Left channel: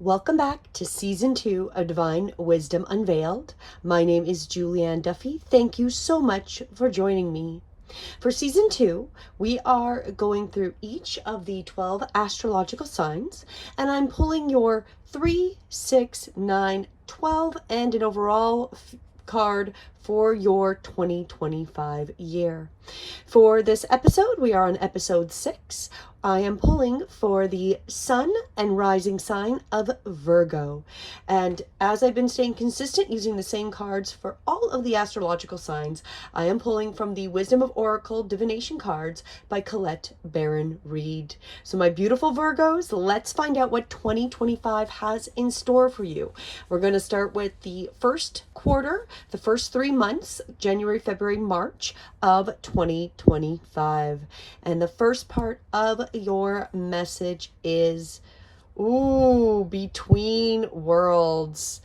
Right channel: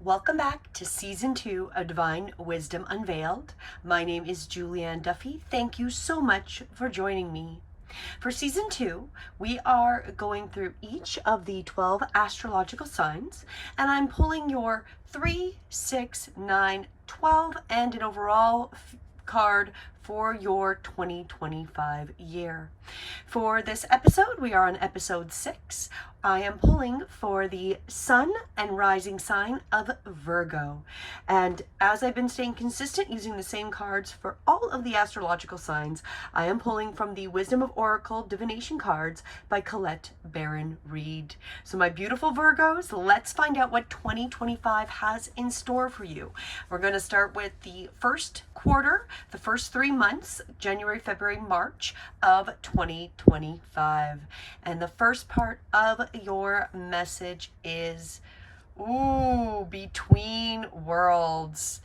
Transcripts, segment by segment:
Welcome back to Season 2 of Divine Wisdom Unveiled. My name is Julianne Duffy. Thank you so much for joining me. For Season 2, we are going through each of the 12 astrological signs, and I'm pulling your 3, 6, 9, 12, and an overall card for your 2025 year. For this episode, we are on episode 6. I am pulling for the sun and rising sign of Virgo. And as I've been staying consistent using the same cards for all of the astrological signs, I am pulling from the Wisdom of Oracle Divination cards by Colette Baron Reed. So my beautiful Virgos, let's find out what 2025 has in store for you. We're going to start with the first quarter, the first 3 months, January, February, March of 2025. And the first part of your message is, between worlds.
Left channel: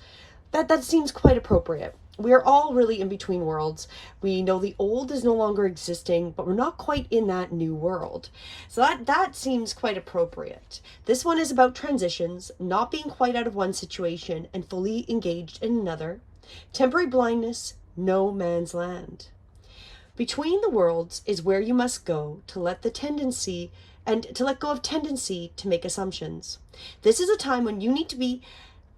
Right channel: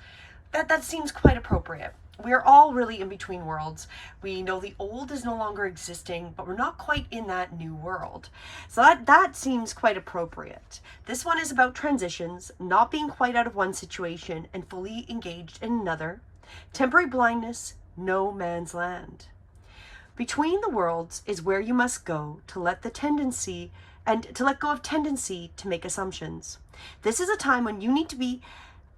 That seems quite appropriate. We're all really in between worlds. We know the old is no longer existing, but we're not quite in that new world. So that seems quite appropriate. This one is about transitions, not being quite out of one situation and fully engaged in another. Temporary blindness, no man's land. Between the worlds is where you must go to let go of tendency to make assumptions. This is a time when you need to be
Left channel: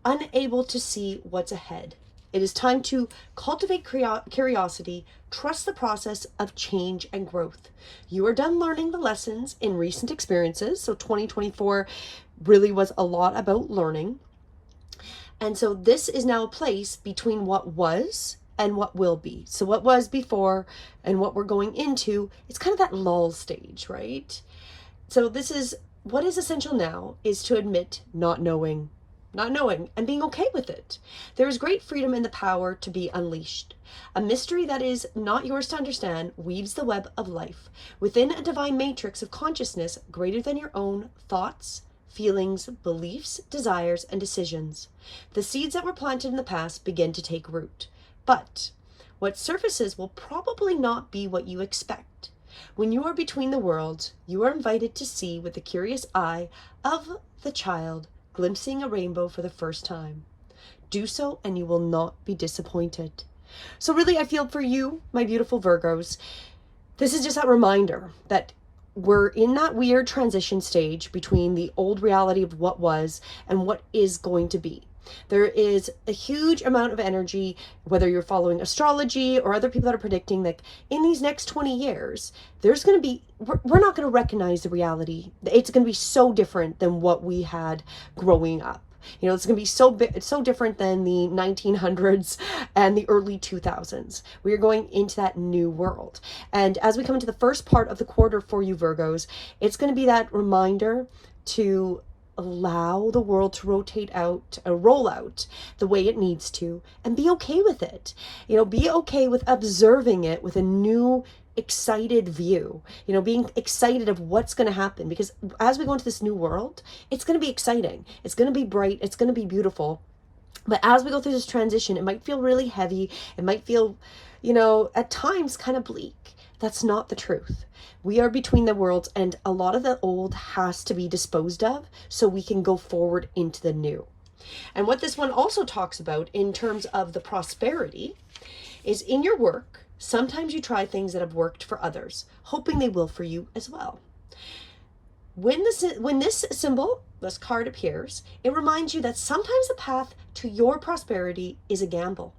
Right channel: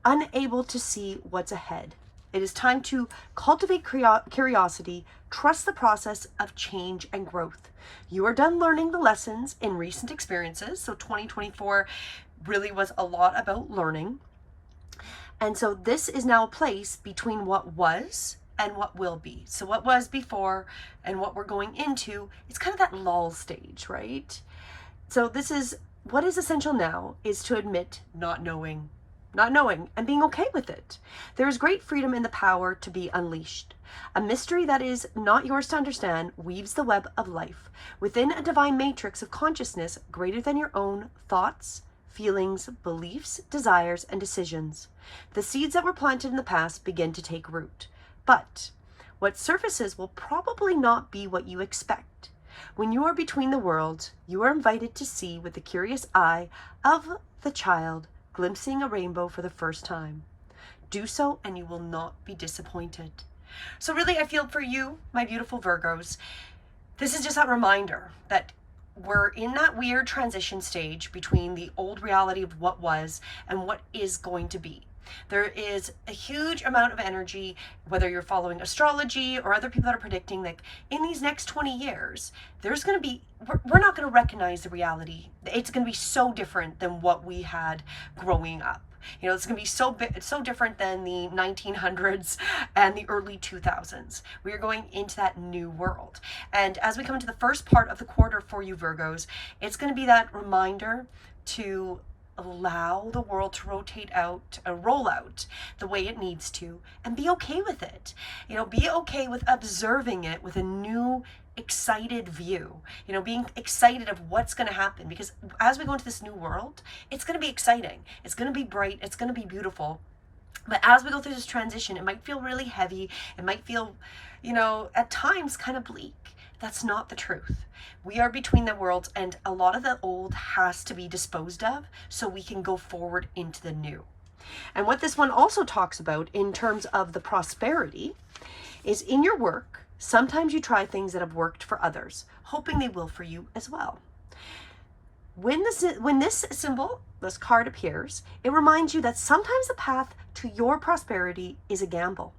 unable to see what's ahead. It is time to cultivate curiosity, trust the process of change and growth. You are done learning the lessons in recent experiences. So 2024 really was a lot about learning. And so this is now a place between what was and what will be. So what was before and what we're going into, it's kind of that lull stage, right? So this is what is essential now is to admit not knowing and being okay with it. There is great freedom in the power to be unleashed. A mystery that is not yours to understand weaves the web of life within a divine matrix of consciousness greater than your own thoughts, feelings, beliefs, desires, and decisions. The seeds that were planted in the past begin to take root. But what surfaces will probably not be what you expect. When you are between the worlds, you are invited to see with the curious eye of the child glimpsing a rainbow for the first time. Do so and you will not be disappointed. So really, I feel for you, my beautiful Virgos, this is just that reminder that we're in that weird transition stage between the old reality of what was and what is going to be. There is a huge amount of energy, whether you're following astrology or other people that are predicting that in these next 20 years, there's going to be, we're not going to recognize the reality. It's going to be so different than what we had growing up. You know, it's going to be so different than the 1900s and the early 2000s. We are going into that new world. And as we come into the first part of the quarter for you Virgos, it's going to be that reminder to allow the world to roll out the way it needs to, and be okay with it. You know, be okay with observing it with a new excited view, you know, being excited of what's going to happen, because as we go into this new world, it's going to be exciting, it's going to be bright, it's going to be beautiful. But as we go through this transition, it might feel really heavy, it might feel, you know, at times kind of bleak. That's not the truth. We are between the worlds, and a lot of the old has to be disposed of so we can go forward into the new. And what this one also talks about in terms of the prosperity is in your work, sometimes you try things that have worked for others, hoping they will for you as well. When this symbol, this card appears, it reminds you that sometimes the path to your prosperity is a gamble.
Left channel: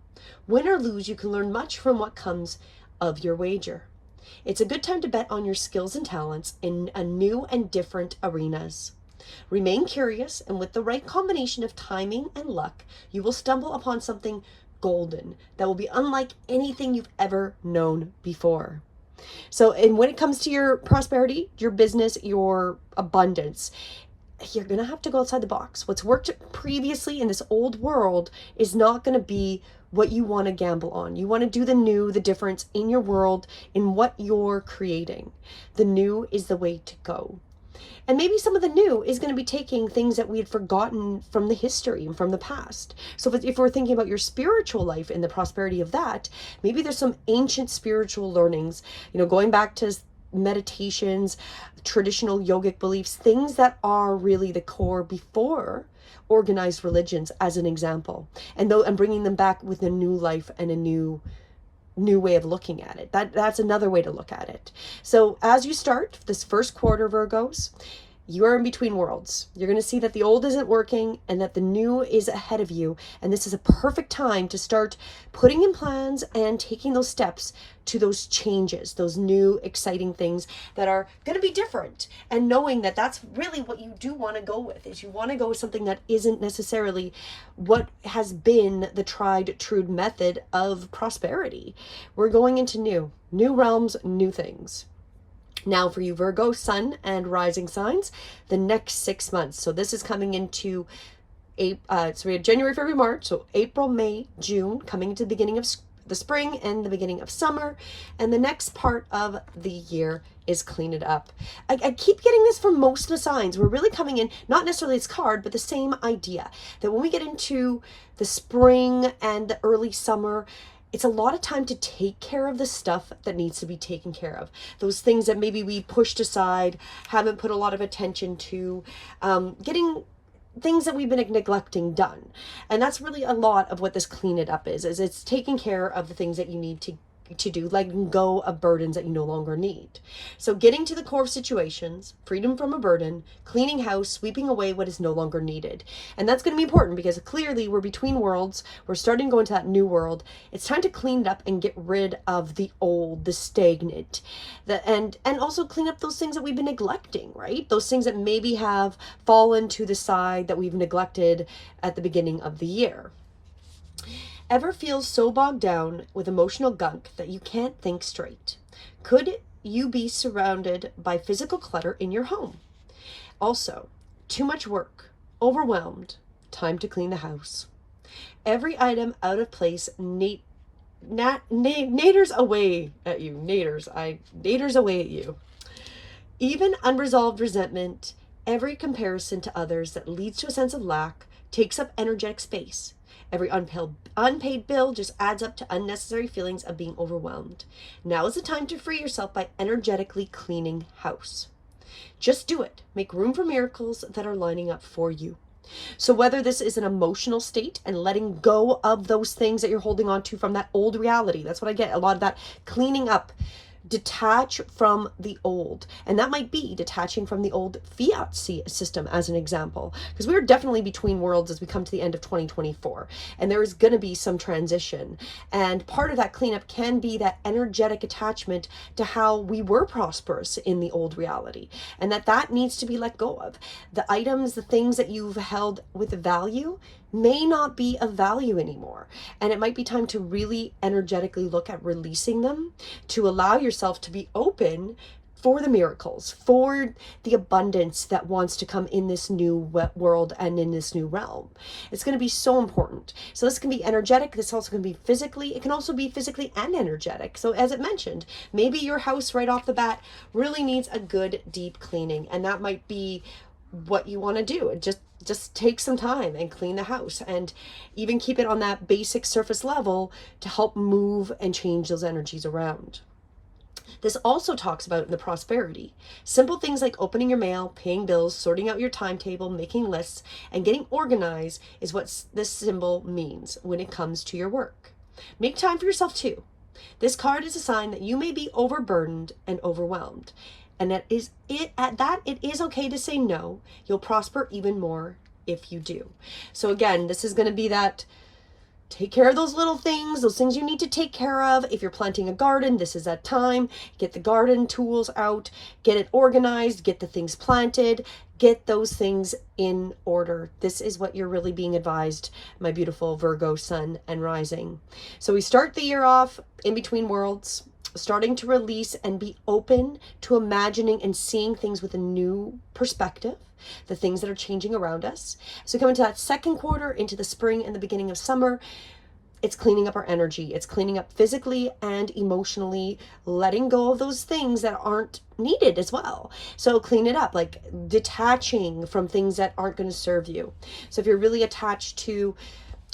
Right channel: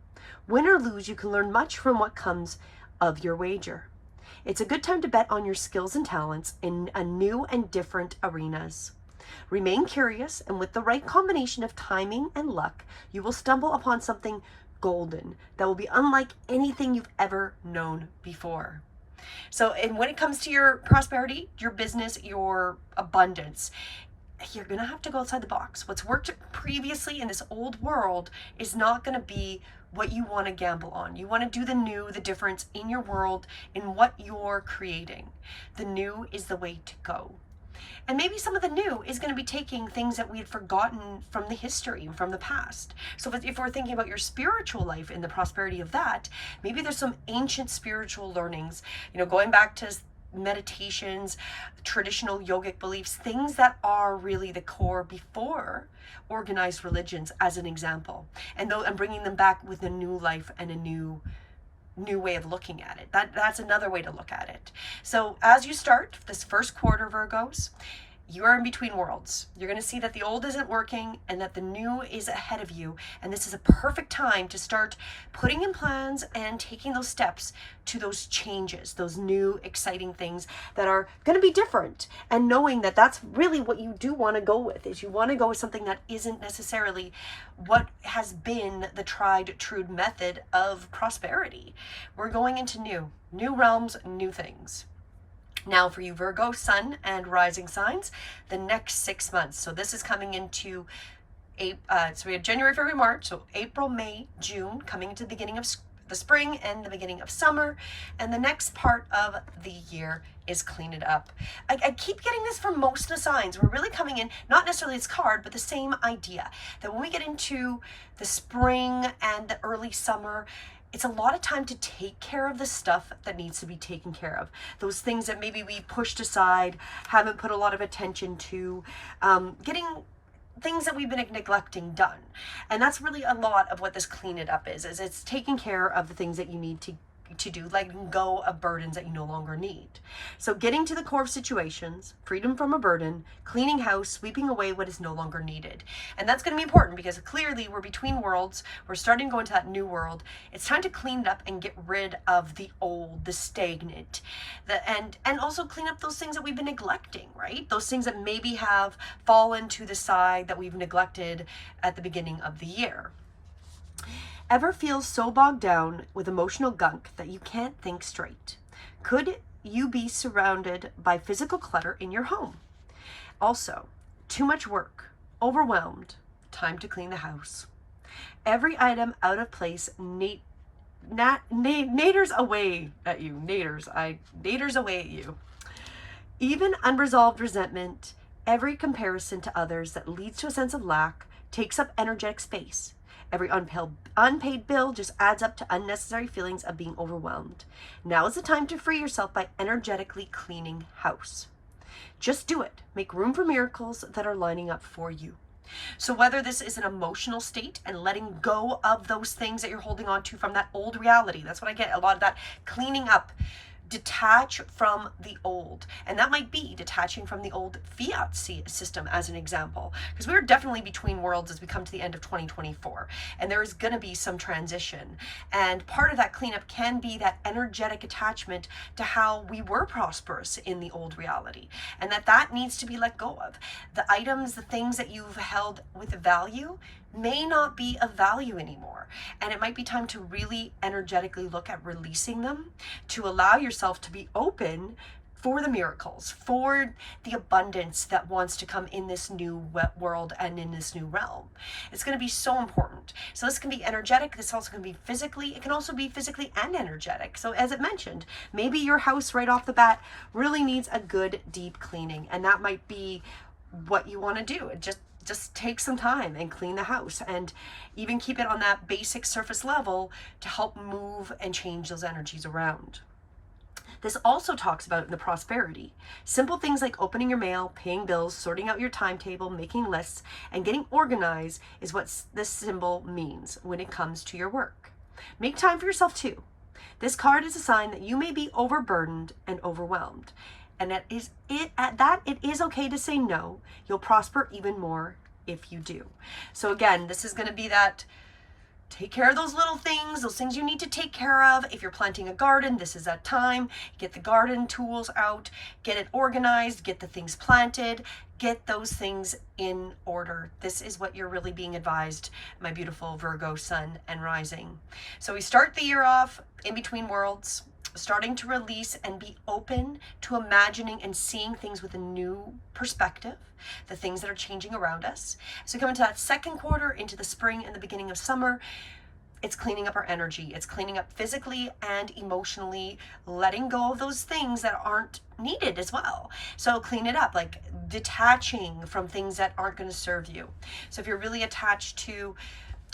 Win or lose, you can learn much from what comes of your wager. It's a good time to bet on your skills and talents in a new and different arenas. Remain curious, and with the right combination of timing and luck, you will stumble upon something golden that will be unlike anything you've ever known before. So, and when it comes to your prosperity, your business, your abundance, you're going to have to go outside the box. What's worked previously in this old world is not going to be what you want to gamble on. You want to do the new, the difference in your world, in what you're creating. The new is the way to go. And maybe some of the new is going to be taking things that we had forgotten from the history and from the past. So if we're thinking about your spiritual life and the prosperity of that, maybe there's some ancient spiritual learnings, you know, going back to meditations, traditional yogic beliefs, things that are really the core before organized religions, as an example, and though, and bringing them back with a new life and a new way of looking at it. That's another way to look at it. So as you start this first quarter, Virgos, you are in between worlds. You're going to see that the old isn't working and that the new is ahead of you. And this is a perfect time to start putting in plans and taking those steps to those changes, those new exciting things that are going to be different. And knowing that that's really what you do want to go with, is you want to go with something that isn't necessarily what has been the tried, true method of prosperity. We're going into new realms, new things. Now for you Virgo, sun and rising signs, the next 6 months. So this is coming into so we have January, February, March, so April, May, June, coming into the beginning of the spring and the beginning of summer. And the next part of the year is clean it up. I keep getting this from most of the signs. We're really coming in, not necessarily this card, but the same idea that when we get into the spring and the early summer, it's a lot of time to take care of the stuff that needs to be taken care of. Those things that maybe we pushed aside, haven't put a lot of attention to, getting things that we've been neglecting done. And that's really a lot of what this clean it up is it's taking care of the things that you need to do, letting go of burdens that you no longer need. So getting to the core of situations, freedom from a burden, cleaning house, sweeping away what is no longer needed. And that's going to be important because clearly we're between worlds. We're starting to go into that new world. It's time to clean it up and get rid of the old, the stagnant, and also clean up those things that we've been neglecting, right? Those things that maybe have fallen to the side that we've neglected at the beginning of the year. Ever feel so bogged down with emotional gunk that you can't think straight? Could you be surrounded by physical clutter in your home? Also, too much work, overwhelmed, time to clean the house. Every item out of place, naders away at you. Naders away at you. Even unresolved resentment, every comparison to others that leads to a sense of lack takes up energetic space. Every unpaid bill just adds up to unnecessary feelings of being overwhelmed. Now is the time to free yourself by energetically cleaning house. Just do it. Make room for miracles that are lining up for you. So whether this is an emotional state and letting go of those things that you're holding on to from that old reality, that's what I get, a lot of that cleaning up. Detach from the old, and that might be detaching from the old fiat system as an example, because we're definitely between worlds as we come to the end of 2024, and there is going to be some transition, and part of that cleanup can be that energetic attachment to how we were prosperous in the old reality, and that needs to be let go of. The items, the things that you've held with value may not be of value anymore, and it might be time to really energetically look at releasing them, to allow yourself to be open for the miracles, for the abundance that wants to come in this new world and in this new realm. It's going to be so important. So this can be energetic. This also can be physically. It can also be physically and energetic. So as it mentioned, maybe your house right off the bat really needs a good deep cleaning, and that might be what you want to do. It just take some time and clean the house, and even keep it on that basic surface level to help move and change those energies around. This also talks about the prosperity. Simple things like opening your mail, paying bills, sorting out your timetable, making lists, and getting organized is what this symbol means when it comes to your work. Make time for yourself too. This card is a sign that you may be overburdened and overwhelmed. And it is okay to say no. You'll prosper even more if you do. So again, this is going to be that take care of those little things, those things you need to take care of. If you're planting a garden, this is that time. Get the garden tools out, get it organized, get the things planted, get those things in order. This is what you're really being advised, my beautiful Virgo sun and rising. So we start the year off in between worlds, starting to release and be open to imagining and seeing things with a new perspective, the things that are changing around us. So we come into that second quarter, into the spring and the beginning of summer. It's cleaning up our energy. It's cleaning up physically and emotionally, letting go of those things that aren't needed as well. So clean it up, like detaching from things that aren't going to serve you. So if you're really attached to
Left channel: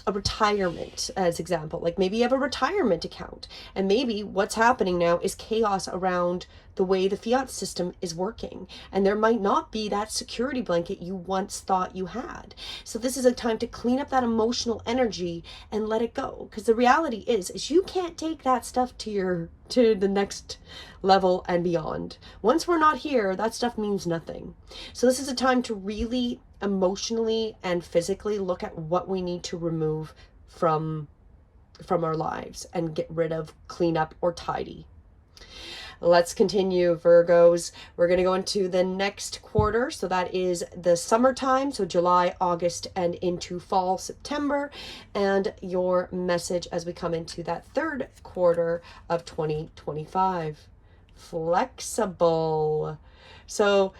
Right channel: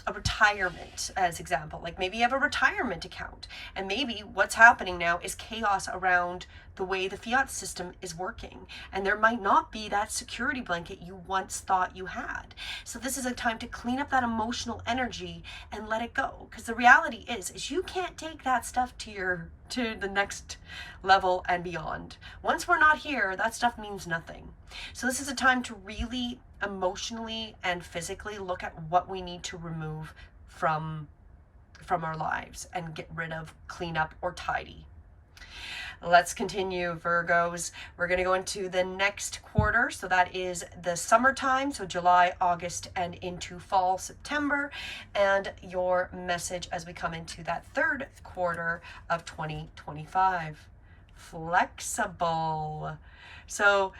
a retirement as example. Like maybe you have a retirement account, and maybe what's happening now is chaos around the way the fiat system is working, and there might not be that security blanket you once thought you had. So this is a time to clean up that emotional energy and let it go, because the reality is you can't take that stuff to the next level and beyond. Once we're not here, that stuff means nothing. So this is a time to really emotionally and physically look at what we need to remove from our lives and get rid of, clean up, or tidy. Let's continue, Virgos. We're going to go into the next quarter. So that is the summertime. So July, August, and into fall, September. And your message as we come into that third quarter of 2025. Flexible. So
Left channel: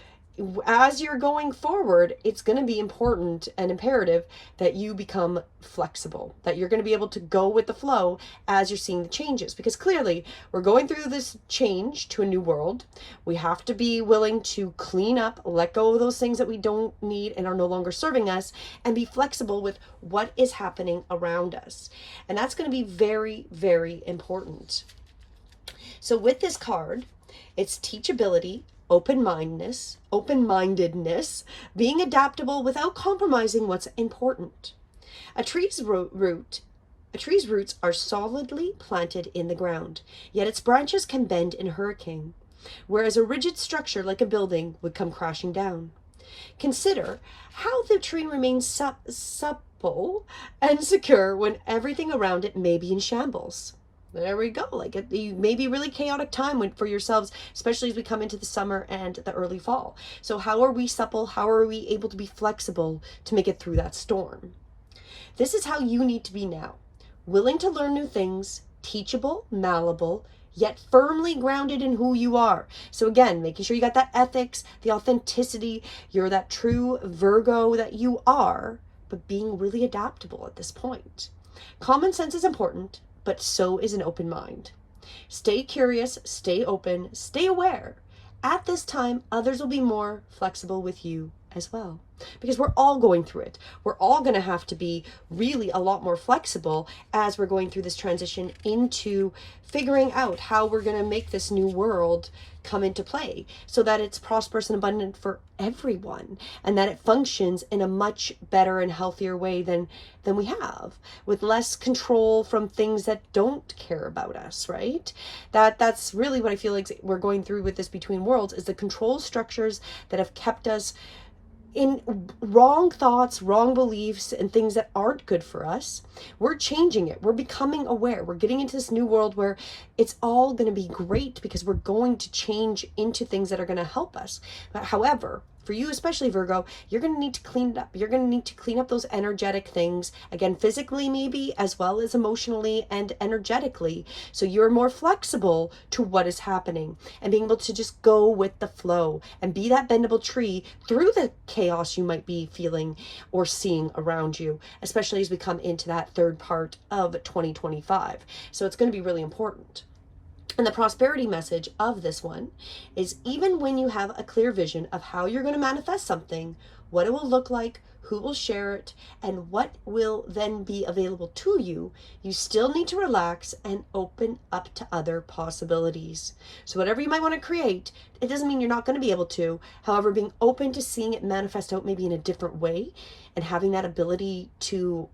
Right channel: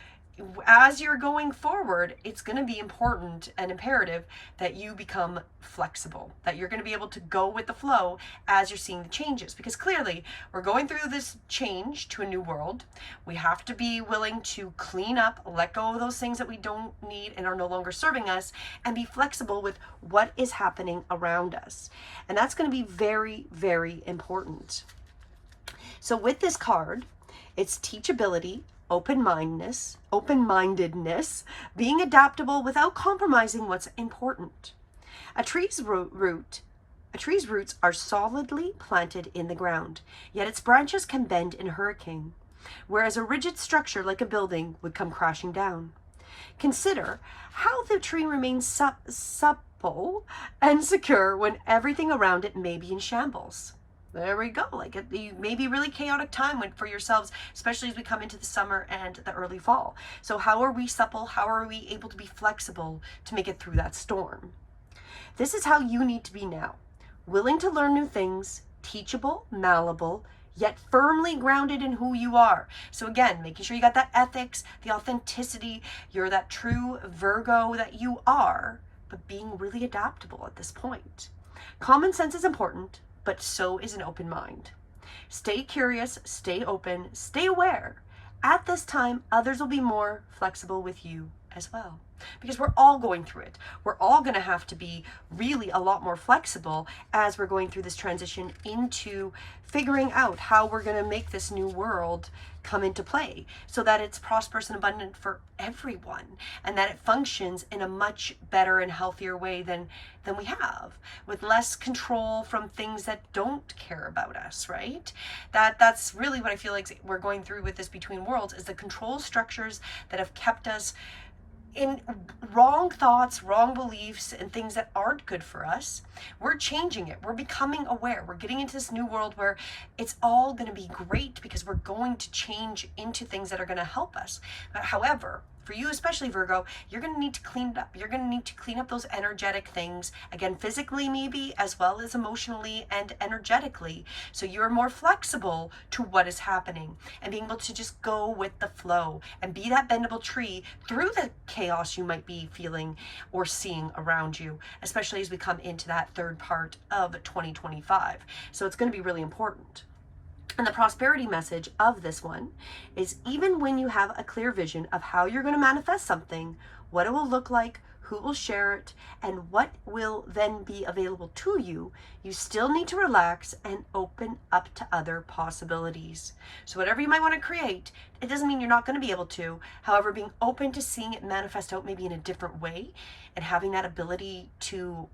as you're going forward, it's going to be important and imperative that you become flexible, that you're going to be able to go with the flow as you're seeing the changes, because clearly we're going through this change to a new world. We have to be willing to clean up, let go of those things that we don't need and are no longer serving us, and be flexible with what is happening around us. And that's going to be very, very important. So with this card, it's teachability, open-mindedness, being adaptable without compromising what's important. A tree's roots are solidly planted in the ground, yet its branches can bend in a hurricane, whereas a rigid structure like a building would come crashing down. Consider how the tree remains supple and secure when everything around it may be in shambles. There we go. Like it may be a really chaotic time for yourselves, especially as we come into the summer and the early fall. So how are we supple? How are we able to be flexible to make it through that storm? This is how you need to be now. Willing to learn new things, teachable, malleable, yet firmly grounded in who you are. So again, making sure you got that ethics, the authenticity, you're that true Virgo that you are, but being really adaptable at this point. Common sense is important, but so is an open mind. Stay curious, stay open, stay aware. At this time, others will be more flexible with you as well, because we're all going through it. We're all going to have to be really a lot more flexible as we're going through this transition into figuring out how we're going to make this new world come into play so that it's prosperous and abundant for everyone, and that it functions in a much better and healthier way than we have, with less control from things that don't care about us, right? That's really what I feel like we're going through with this between worlds, is the control structures that have kept us in wrong thoughts, wrong beliefs, and things that aren't good for us. We're changing it. We're becoming aware. We're getting into this new world where it's all going to be great, because we're going to change into things that are going to help us. But however, for you, especially Virgo, you're going to need to clean it up. You're going to need to clean up those energetic things, again, physically maybe, as well as emotionally and energetically. So you're more flexible to what is happening and being able to just go with the flow and be that bendable tree through the chaos you might be feeling or seeing around you, especially as we come into that third part of 2025. So it's going to be really important. And the prosperity message of this one is, even when you have a clear vision of how you're going to manifest something, what it will look like, who will share it, and what will then be available to you, you still need to relax and open up to other possibilities. So whatever you might want to create, it doesn't mean you're not going to be able to. However, being open to seeing it manifest out maybe in a different way, and having that ability to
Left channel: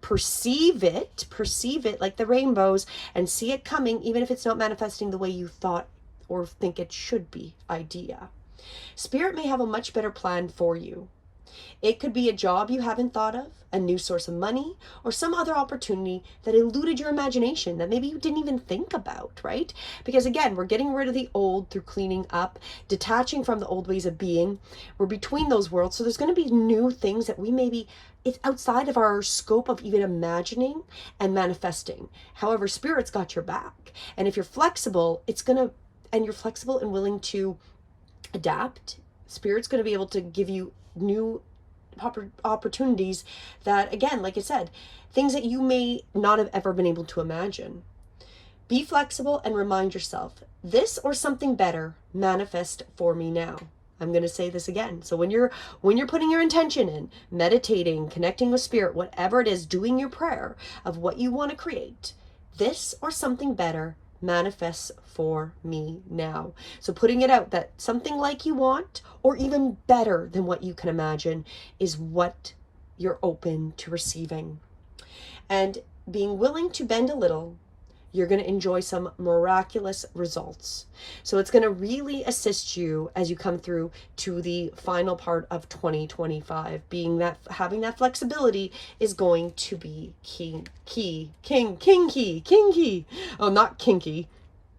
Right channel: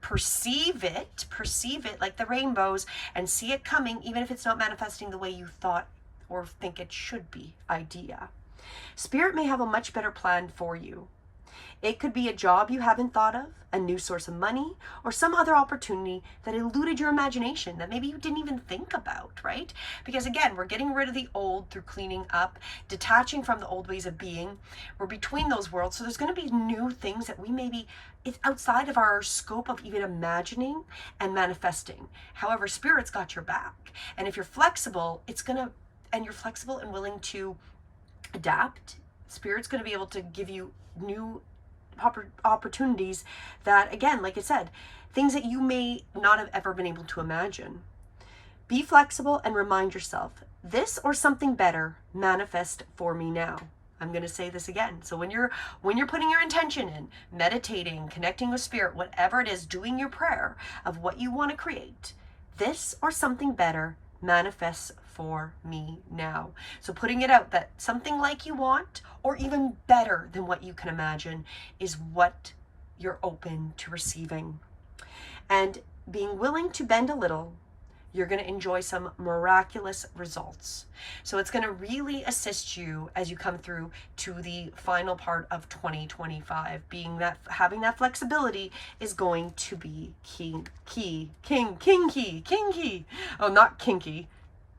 perceive it like the rainbows, and see it coming, even if it's not manifesting the way you thought or think it should be idea. Spirit may have a much better plan for you. It could be a job you haven't thought of, a new source of money, or some other opportunity that eluded your imagination that maybe you didn't even think about, right? Because again, we're getting rid of the old through cleaning up, detaching from the old ways of being. We're between those worlds, so there's going to be new things that we maybe, it's outside of our scope of even imagining and manifesting. However, Spirit's got your back. And if you're flexible, and you're flexible and willing to adapt, Spirit's going to be able to give you new opportunities that, again, like I said, things that you may not have ever been able to imagine. Be flexible and remind yourself, this or something better manifest for me now. I'm going to say this again. So when you're putting your intention in, meditating, connecting with spirit, whatever it is, doing your prayer of what you want to create, this or something better manifests for me now. So putting it out that something like you want, or even better than what you can imagine, is what you're open to receiving. And being willing to bend a little, you're going to enjoy some miraculous results. So it's going to really assist you as you come through to the final part of 2025. Being that having that flexibility is going to be key. Oh, not kinky,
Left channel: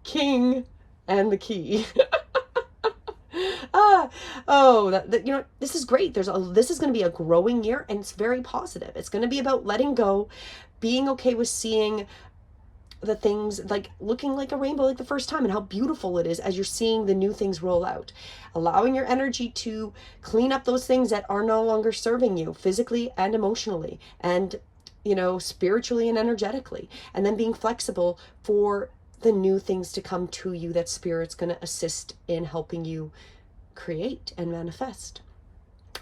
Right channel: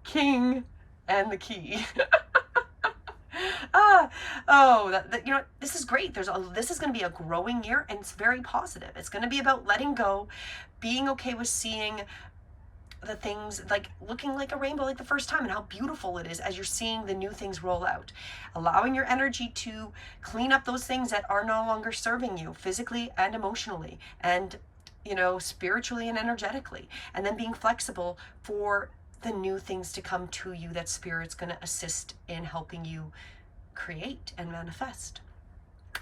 king and the key. You know, this is great. This is going to be a growing year, and it's very positive. It's going to be about letting go, being okay with seeing the things, like looking like a rainbow like the first time, and how beautiful it is as you're seeing the new things roll out. Allowing your energy to clean up those things that are no longer serving you physically and emotionally, and, you know, spiritually and energetically. And then being flexible for the new things to come to you that Spirit's going to assist in helping you create and manifest.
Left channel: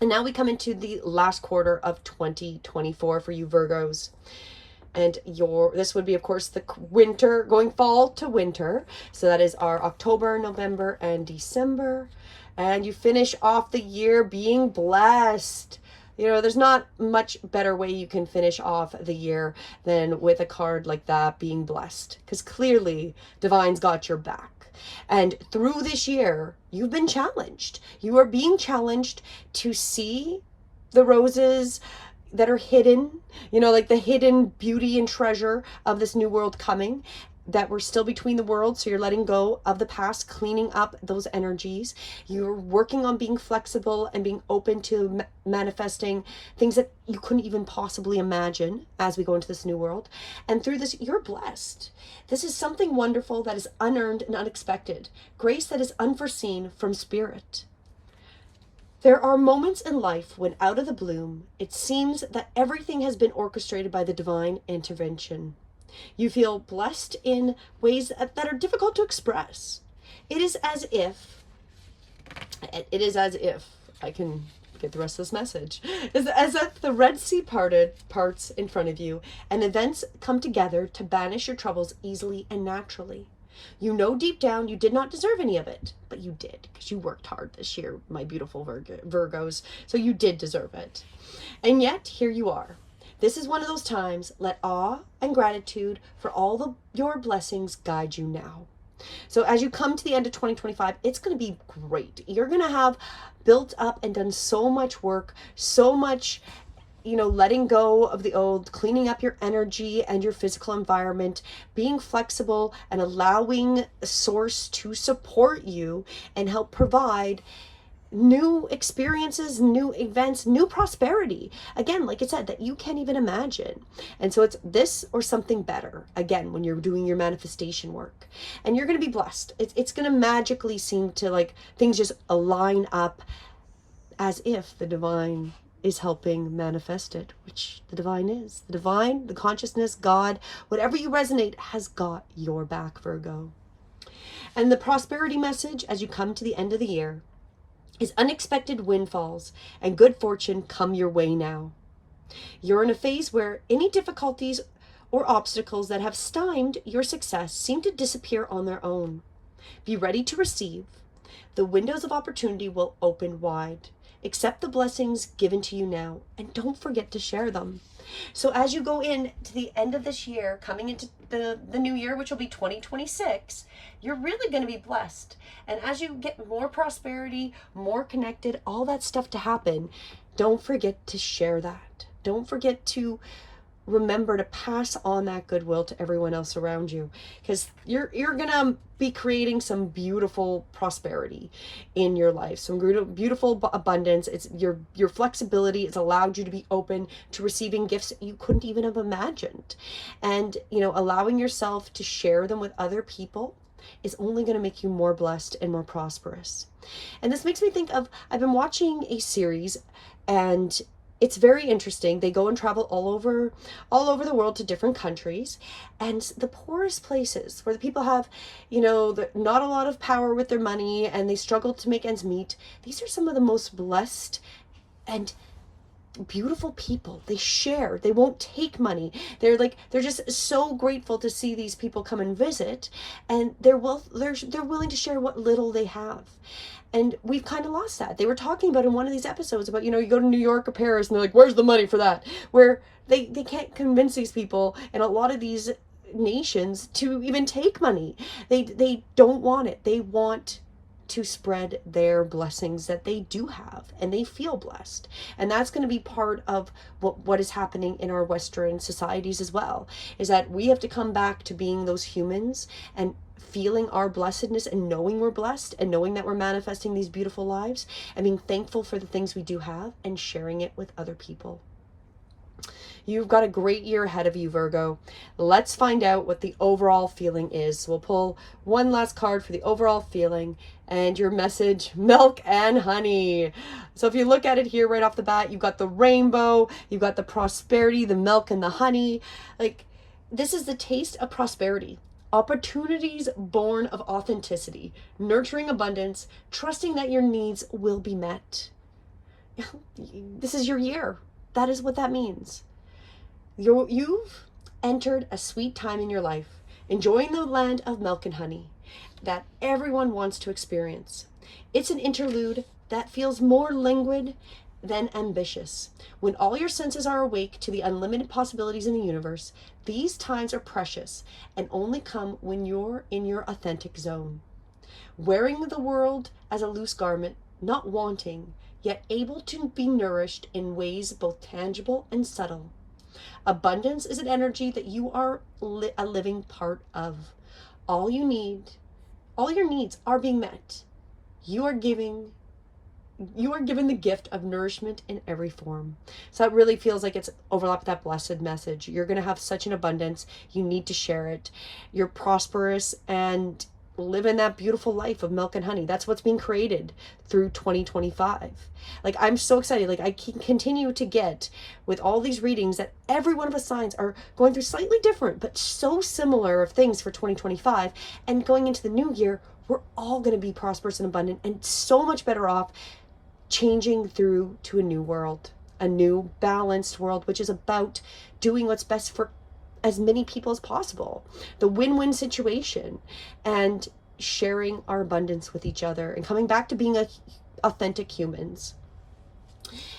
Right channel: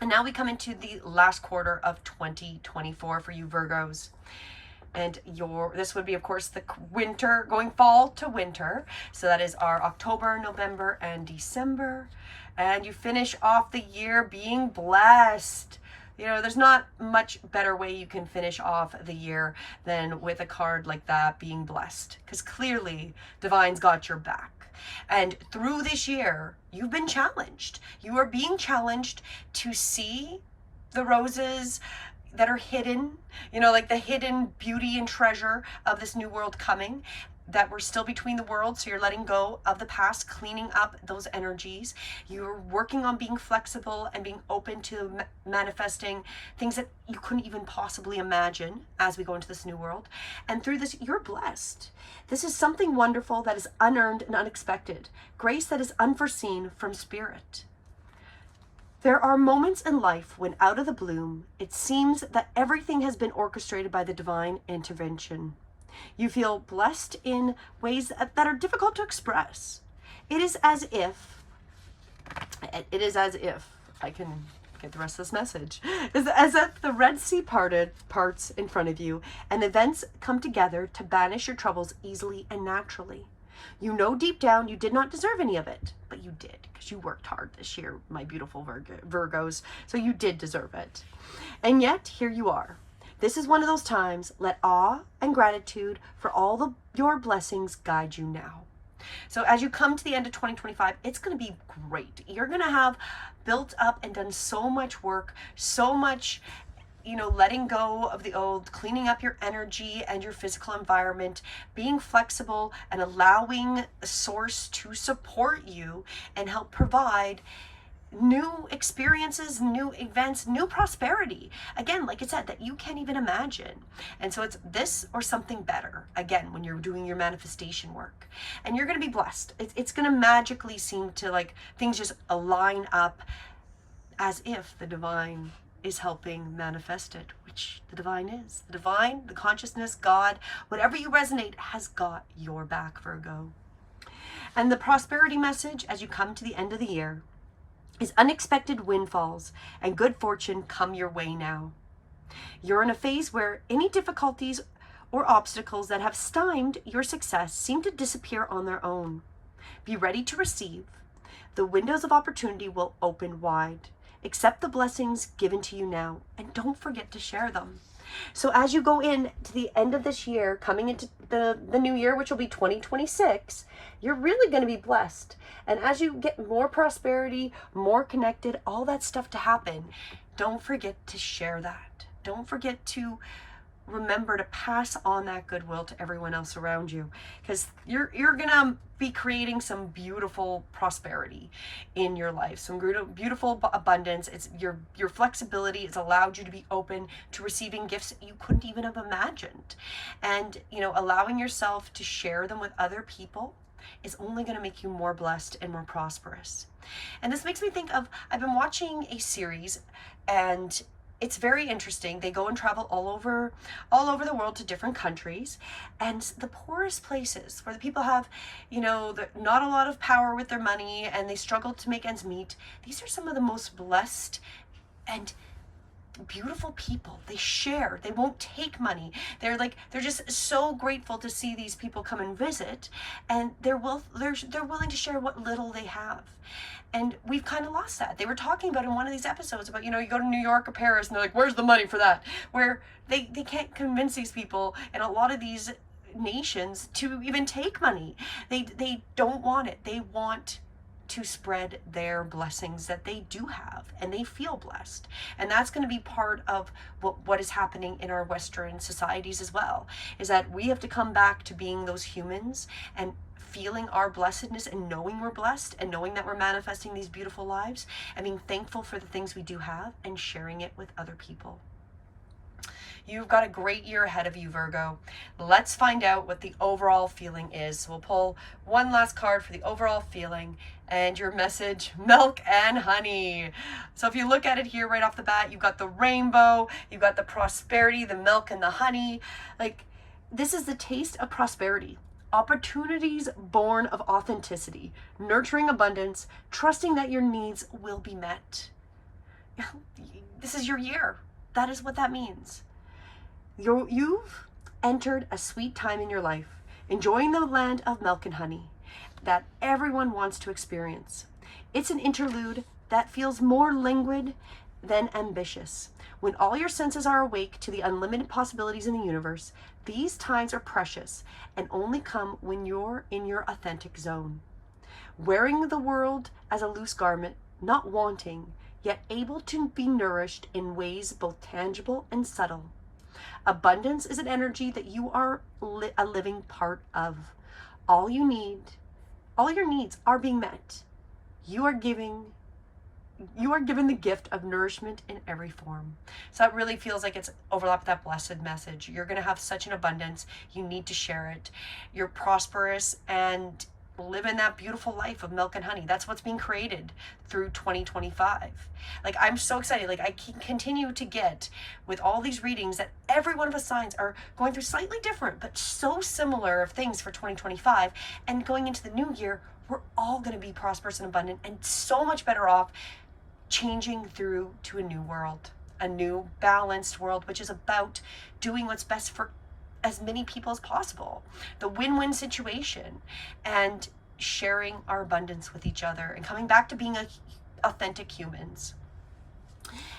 And now we come into the last quarter of 2024 for you Virgos. And this would be, of course, the winter, going fall to winter. So that is our October, November, and December. And you finish off the year being blessed. You know, there's not much better way you can finish off the year than with a card like that, being blessed. Because clearly, Divine's got your back. And through this year, you've been challenged. You are being challenged to see the roses that are hidden, you know, like the hidden beauty and treasure of this new world coming, that we're still between the worlds. So you're letting go of the past, cleaning up those energies. You're working on being flexible and being open to manifesting things that you couldn't even possibly imagine as we go into this new world. And through this, you're blessed. This is something wonderful that is unearned and unexpected. Grace that is unforeseen from Spirit. There are moments in life when out of the bloom, it seems that everything has been orchestrated by the divine intervention. You feel blessed in ways that are difficult to express. It is as if, I can get the rest of this message, it's as if the Red Sea parts in front of you, and events come together to banish your troubles easily and naturally. You know deep down you did not deserve any of it, but you did, because you worked hard this year, my beautiful Virgos, so you did deserve it. And yet, here you are. This is one of those times. Let awe and gratitude for all your blessings guide you now. So as you come to the end of 2025, it's going to be great. You're going to have built up and done so much work, so much, you know, letting go of the old, cleaning up your energy and your physical environment, being flexible and allowing the source to support you and help provide new experiences, new events, new prosperity. Again, like I said, that you can't even imagine. And so it's this or something better, again, when you're doing your manifestation work. And you're going to be blessed. It's going to magically seem to, like, things just align up as if the divine is helping manifest it, which the divine is. The divine, the consciousness, God, whatever you resonate, has got your back, Virgo. And the prosperity message as you come to the end of the year is unexpected windfalls and good fortune come your way now. You're in a phase where any difficulties or obstacles that have stymied your success seem to disappear on their own. Be ready to receive. The windows of opportunity will open wide. Accept the blessings given to you now, and don't forget to share them. So as you go in to the end of this year, coming into the new year, which will be 2026, you're really going to be blessed. And as you get more prosperity, more connected, all that stuff to happen, don't forget to share that. Don't forget to remember to pass on that goodwill to everyone else around you, because you're gonna be creating some beautiful prosperity in your life, some beautiful abundance. It's your flexibility. It's allowed you to be open to receiving gifts that you couldn't even have imagined, and, you know, allowing yourself to share them with other people is only going to make you more blessed and more prosperous. And this makes me think of, I've been watching a series, and it's very interesting. They go and travel all over the world to different countries, and the poorest places where the people have, not a lot of power with their money and they struggle to make ends meet. These are some of the most blessed and beautiful people. They share. They won't take money. They're just so grateful to see these people come and visit, and they're willing to share what little they have. And we've kind of lost that. They were talking about in one of these episodes about, you go to New York or Paris and they're like, where's the money for that? Where they can't convince these people in a lot of these nations to even take money. They don't want it. They want to spread their blessings that they do have, and they feel blessed. And that's going to be part of what is happening in our Western societies as well, is that we have to come back to being those humans and feeling our blessedness and knowing we're blessed and knowing that we're manifesting these beautiful lives and being thankful for the things we do have and sharing it with other people. You've got a great year ahead of you, Virgo. Let's find out what the overall feeling is. We'll pull one last card for the overall feeling and your message, milk and honey. So if you look at it here right off the bat, you've got the rainbow, you've got the prosperity, the milk and the honey. Like, this is the taste of prosperity. Opportunities born of authenticity, nurturing abundance, trusting that your needs will be met. This is your year. That is what that means. You've entered a sweet time in your life, enjoying the land of milk and honey that everyone wants to experience. It's an interlude that feels more languid than ambitious. When all your senses are awake to the unlimited possibilities in the universe, these times are precious and only come when you're in your authentic zone. Wearing the world as a loose garment, not wanting, yet able to be nourished in ways both tangible and subtle. Abundance is an energy that you are a living part of. All your needs are being met. You are given the gift of nourishment in every form. So that really feels like it's overlapped with that blessed message. You're going to have such an abundance. You need to share it. You're prosperous and live in that beautiful life of milk and honey. That's what's being created through 2025. Like, I'm so excited. Like, I can continue to get with all these readings that every one of us signs are going through slightly different but so similar of things for 2025. And going into the new year, we're all going to be prosperous and abundant and so much better off, changing through to a new world, a new balanced world, which is about doing what's best for as many people as possible, the win-win situation, and sharing our abundance with each other and coming back to being authentic humans.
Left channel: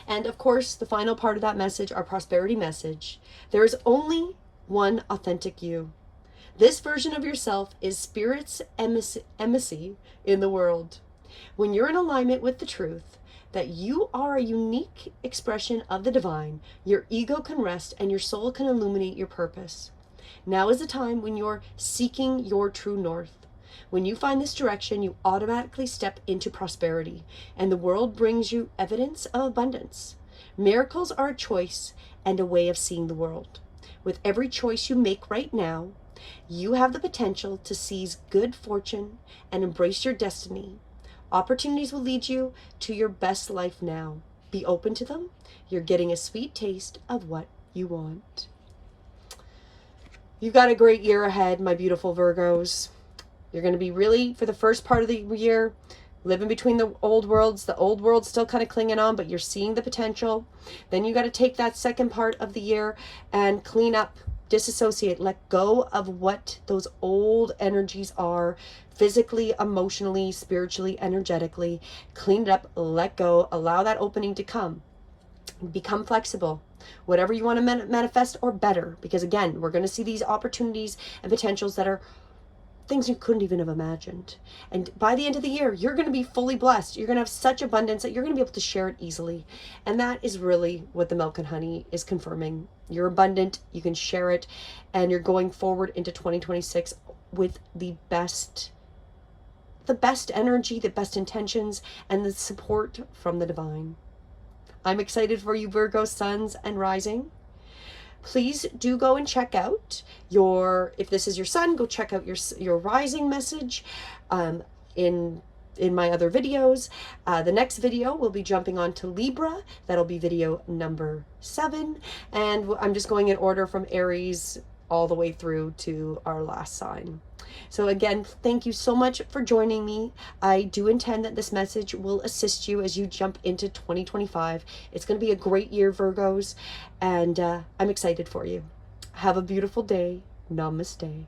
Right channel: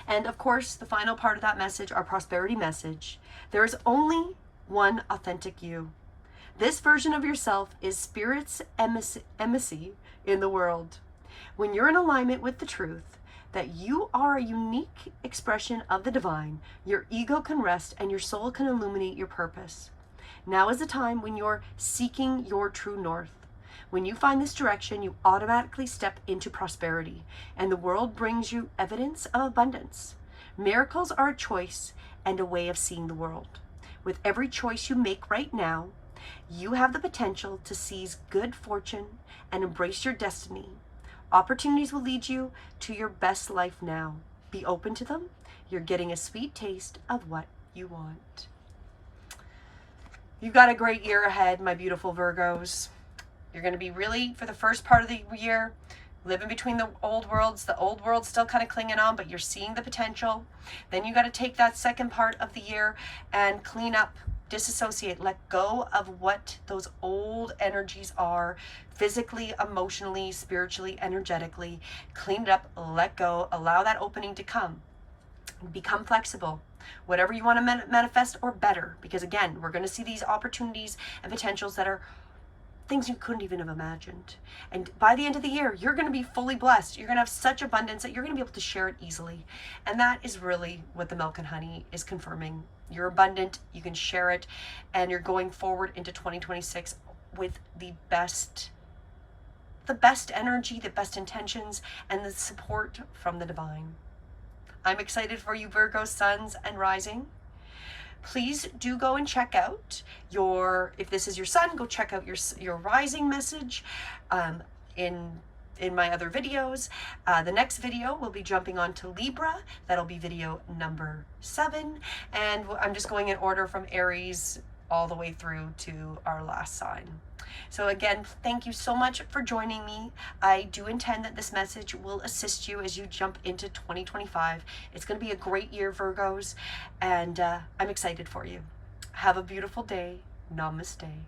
And of course, the final part of that message, our prosperity message, there is only one authentic you. This version of yourself is Spirit's embassy in the world. When you're in alignment with the truth that you are a unique expression of the divine, your ego can rest and your soul can illuminate your purpose. Now is the time when you're seeking your true north. When you find this direction, you automatically step into prosperity, and the world brings you evidence of abundance. Miracles are a choice and a way of seeing the world. With every choice you make right now, you have the potential to seize good fortune and embrace your destiny. Opportunities will lead you to your best life now. Be open to them. You're getting a sweet taste of what you want. You've got a great year ahead, my beautiful Virgos. You're going to be really, for the first part of the year, living between the old worlds. The old world's still kind of clinging on, but you're seeing the potential. Then you got to take that second part of the year and clean up, disassociate, let go of what those old energies are, physically, emotionally, spiritually, energetically. Clean it up, let go, allow that opening to come. Become flexible. Whatever you want to manifest, or better, because again, we're going to see these opportunities and potentials that are things you couldn't even have imagined. And by the end of the year, you're going to be fully blessed. You're going to have such abundance that you're going to be able to share it easily. And that is really what the milk and honey is confirming. You're abundant, you can share it, and you're going forward into 2026 with the best energy, the best intentions, and the support from the divine. I'm excited for you, Virgo suns and rising. Please do go and check out if this is your sun, go check out your rising message in in my other videos. The next video we'll be jumping on to Libra. That'll be video number 7, and I'm just going in order from Aries all the way through to our last sign. So again, thank you so much for joining me. I do intend that this message will assist you as you jump into 2025. It's going to be a great year, Virgos, and I'm excited for you. Have a beautiful day. Namaste.